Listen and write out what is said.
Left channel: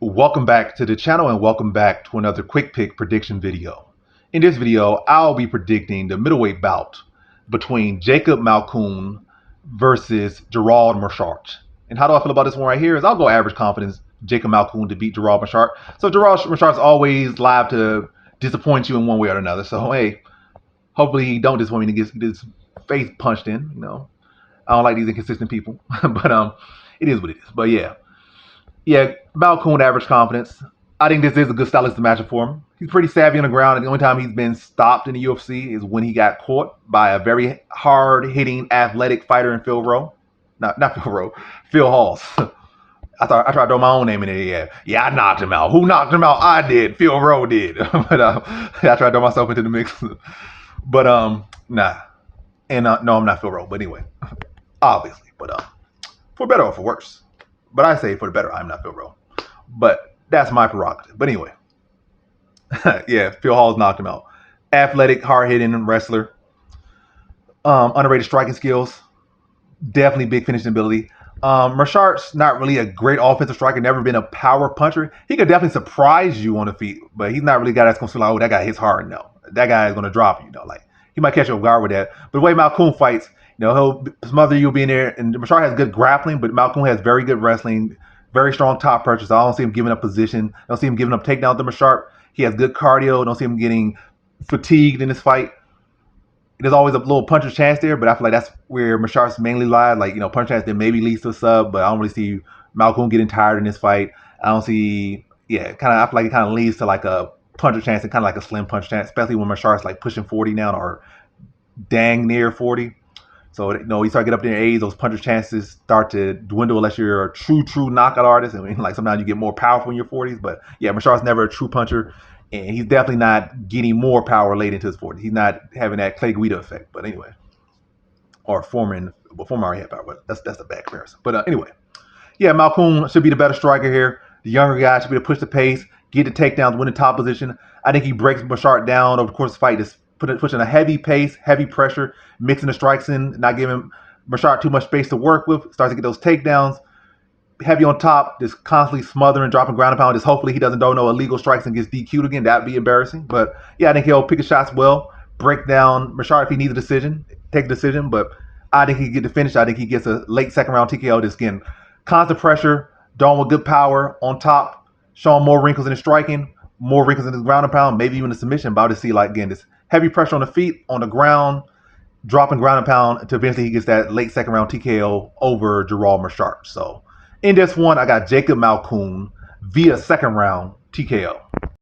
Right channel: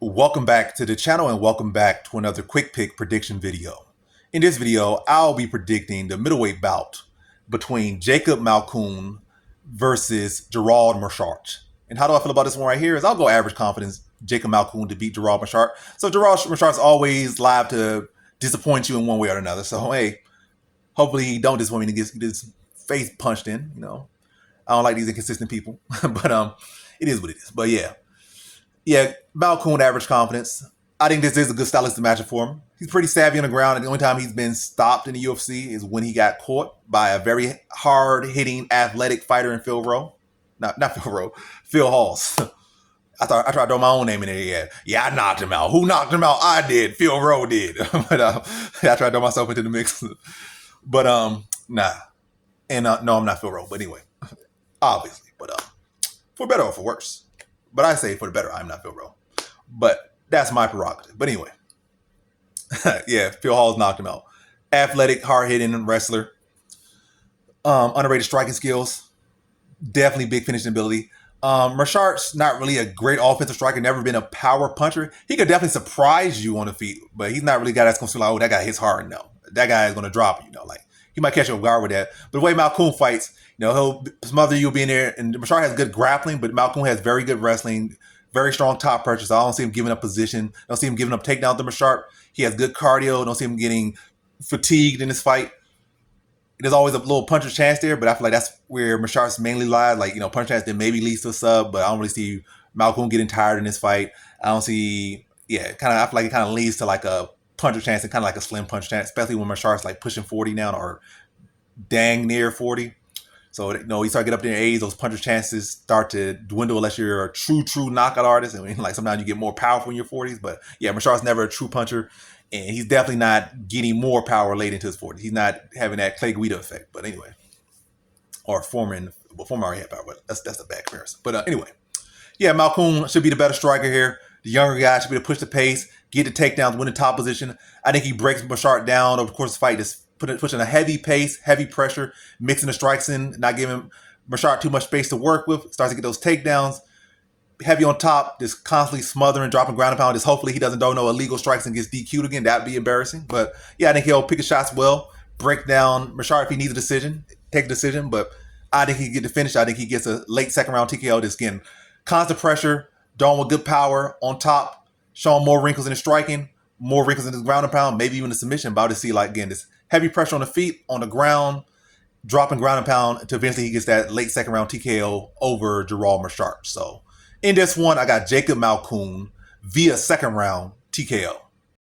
Welcome back to the channel and welcome back to another quick pick prediction video. In this video, I'll be predicting the middleweight bout between Jacob Malkoun versus Gerald Meerschaert. And how do I feel about this one right here is I'll go average confidence Jacob Malkoun to beat Gerald Meerschaert. So Gerald Meerschaert's always liable to disappoint you in one way or another. So hey, hopefully he don't disappoint me and get his face punched in, I don't like these inconsistent people. but it is what it is. But yeah, Malkoun average confidence. I think this is a good stylistic matchup for him. He's pretty savvy on the ground, and the only time he's been stopped in the UFC is when he got caught by a very hard-hitting, athletic fighter in Phil Rowe. Not Phil Rowe, Phil Halls. I tried to throw my own name in there. Yeah, I knocked him out. Who knocked him out? I did. Phil Rowe did. But I tried to throw myself into the mix. But nah. And no, I'm not Phil Rowe. But anyway, obviously. But for better or for worse. But I say for the better, I'm not Phil Rowe. But that's my prerogative. But anyway, yeah, Phil Hall's knocked him out. Athletic, hard-hitting wrestler. Underrated striking skills. Definitely big finishing ability. Meerschaert's not really a great offensive striker, never been a power puncher. He could definitely surprise you on the feet, but he's not really a guy that's going to feel like, oh, that guy hits hard. No, that guy is going to drop you. Like he might catch you off guard with that. But the way Malkoun fights, he'll smother you, be in there. And Meerschaert has good grappling, but Malkoun has very good wrestling, very strong top punches. I don't see him giving up position. I don't see him giving up takedowns to Meerschaert. He has good cardio. I don't see him getting fatigued in this fight. There's always a little puncher's chance there, but I feel like that's where Meerschaert's mainly lies. Like, punch chance that maybe leads to a sub, but I don't really see Malkoun getting tired in this fight. I don't see, I feel like it kind of leads to like a puncher chance and kind of like a slim punch chance, especially when Meerschaert's like pushing 40 now or dang near 40. So, you start to get up there in age, those puncher chances start to dwindle unless you're a true knockout artist. I mean, like sometimes you get more powerful in your 40s, but yeah, Meerschaert's never a true puncher, and he's definitely not getting more power late into his 40s. He's not having that Clay Guida effect, but anyway, or Foreman already had power, but that's a bad comparison. But anyway, yeah, Malkoun should be the better striker here. The younger guy should be able to push the pace, get the takedowns, win the top position. I think he breaks Meerschaert down over the course of the fight, just pushing a heavy pace, heavy pressure, mixing the strikes in, not giving Meerschaert too much space to work with, starts to get those takedowns, heavy on top, just constantly smothering, dropping ground and pound. Just hopefully he doesn't throw no illegal strikes and gets DQ'd again. That'd be embarrassing. But yeah, I think he'll pick his shots well, break down Meerschaert if he needs a decision, take a decision. But I think he can get the finish. I think he gets a late second round TKO. Just getting constant pressure, throwing with good power on top, showing more wrinkles in his striking, more wrinkles in his ground and pound, maybe even a submission. But I'll just see this heavy pressure on the feet, on the ground, dropping ground and pound until eventually he gets that late second round TKO over Gerald Meerschaert. So in this one, I got Jacob Malkoun via second round TKO.